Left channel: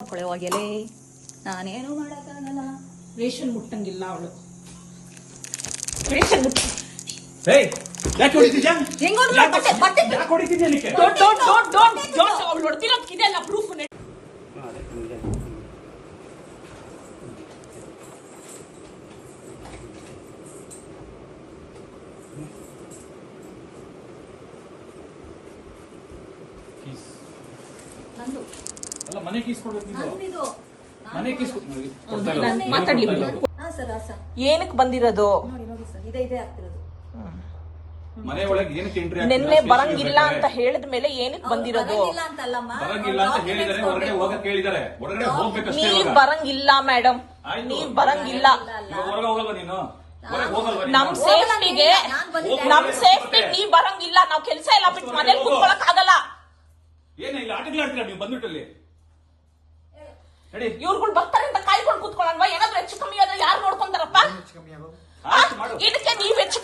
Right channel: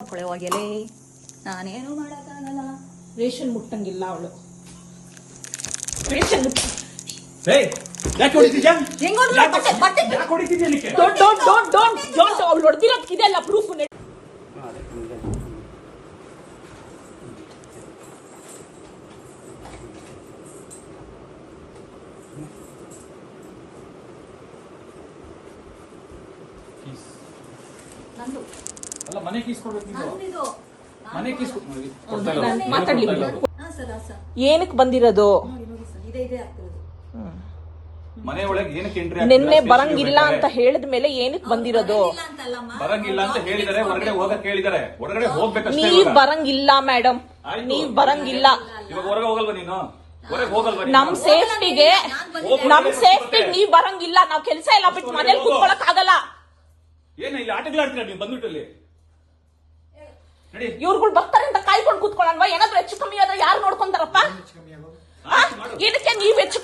ಕೊಳೆವಾಗೆಲೆ ನಾನೇನು ಮಾಡಕ್ಕಾಗಲ್ಲ. ರೇಷನ್ ಮುಟ್ಟಂಗಿಲ್ಲ ಅವಳು. ರೇಷನ್ ಮುಟ್ಟ ಯಾಕೆ ಹೊಡಿತಿದ್ಯಾ? ಡೋಂಟ್ ಅವಳು ಹೊಡೆದಿರೋದು ಇದೆಲ್ಲ ಪ್ರೂಫ್. ನಂದು ಅಲ್ಲ ಮನೆ ಕೀಸ್ ಕೊಡ್ಬೇಕು. ನಂದಿದು ಮನೆ ಕೀಸ್ ಮಾತಾಡ್ಲಿ. ಸರ್ ಸರ್ ಏನಕ್ಕೆ ಬಂದಿರೋದು? ನೋಡಿ ನೋಡಿ ಸರ್ ಇದೇ ಆಗ್ತಿರೋದು. ಮನೆ ಒಳಗೆ ಏನಕ್ಕೆ ಎಂಟ್ರಿ ನಿನ್ನೆ ಬರಂಗಿಲ್ಲ ಅಂತ ಹೇಳಿದ ಮೇಲೆ ಏನಕ್ಕೆ ಬಂದಿರೋದು? ಇಲ್ಲ ಅಂತಲ್ಲಮ್ಮ, ಬರಂಗಿಲ್ಲ ಅಂತ ಹೇಳಿದರೆ ಹೊರಗಡೆ ಹೋಗಕ್ಕೆ ಹೇಳಿದ್ದಾರೆ. ಹೊರಗಡೆ ಹೋಗ್ಬೇಕಷ್ಟೇ. ನೀವ್ ಬರಂಗಿಲ್ಲ ಮೇಡಮ್, ನೀವ್ ಬರಂಗಿಲ್ಲ. ಹೊರಗೆ ಹೋಗಲ್ವ ನೀನು? ಹೊರಗೆ ಹೋಗಲ್ವ? ನಮ್ ಸೇಫ್ಟಿಗೆ ನೀವ್ ಬರಂಗಿಲ್ಲ. ನಾವ್ ಕೆಲಸ ಎಲ್ಲ ಬಿಟ್ಟು ಮನೆ ಕೂತ್ಕೊಳಕ್ ಆಗಲ್ಲ. ಏನು ಇಲ್ಲಿ ಆಟಗಳು ಆಡ್ತೀರಾ ನೀವು ಬಂದ್ಬಿಟ್ಟಲ್ಲಿ? ನಡಿ. ಇವ್ರುಗಳು ಬರ್ತಾರೆ ಅಂತ ಕಾಯ್ಕೊಂಡು ಕೂತ್ಕೊಳ್ಳಲ್ವಾ? ಏನಾದ್ರು ಹೆಚ್ಚು ಕಮ್ಮಿ ಆದ್ರೆ ಯಾರು ನೋಡ್ಕೊಂತಾರಪ್ಪ? ಆಯ್ತು ಮಾಡು. ಏನಕ್ಕೆ ನೀವ್ ಹೆಚ್ಚು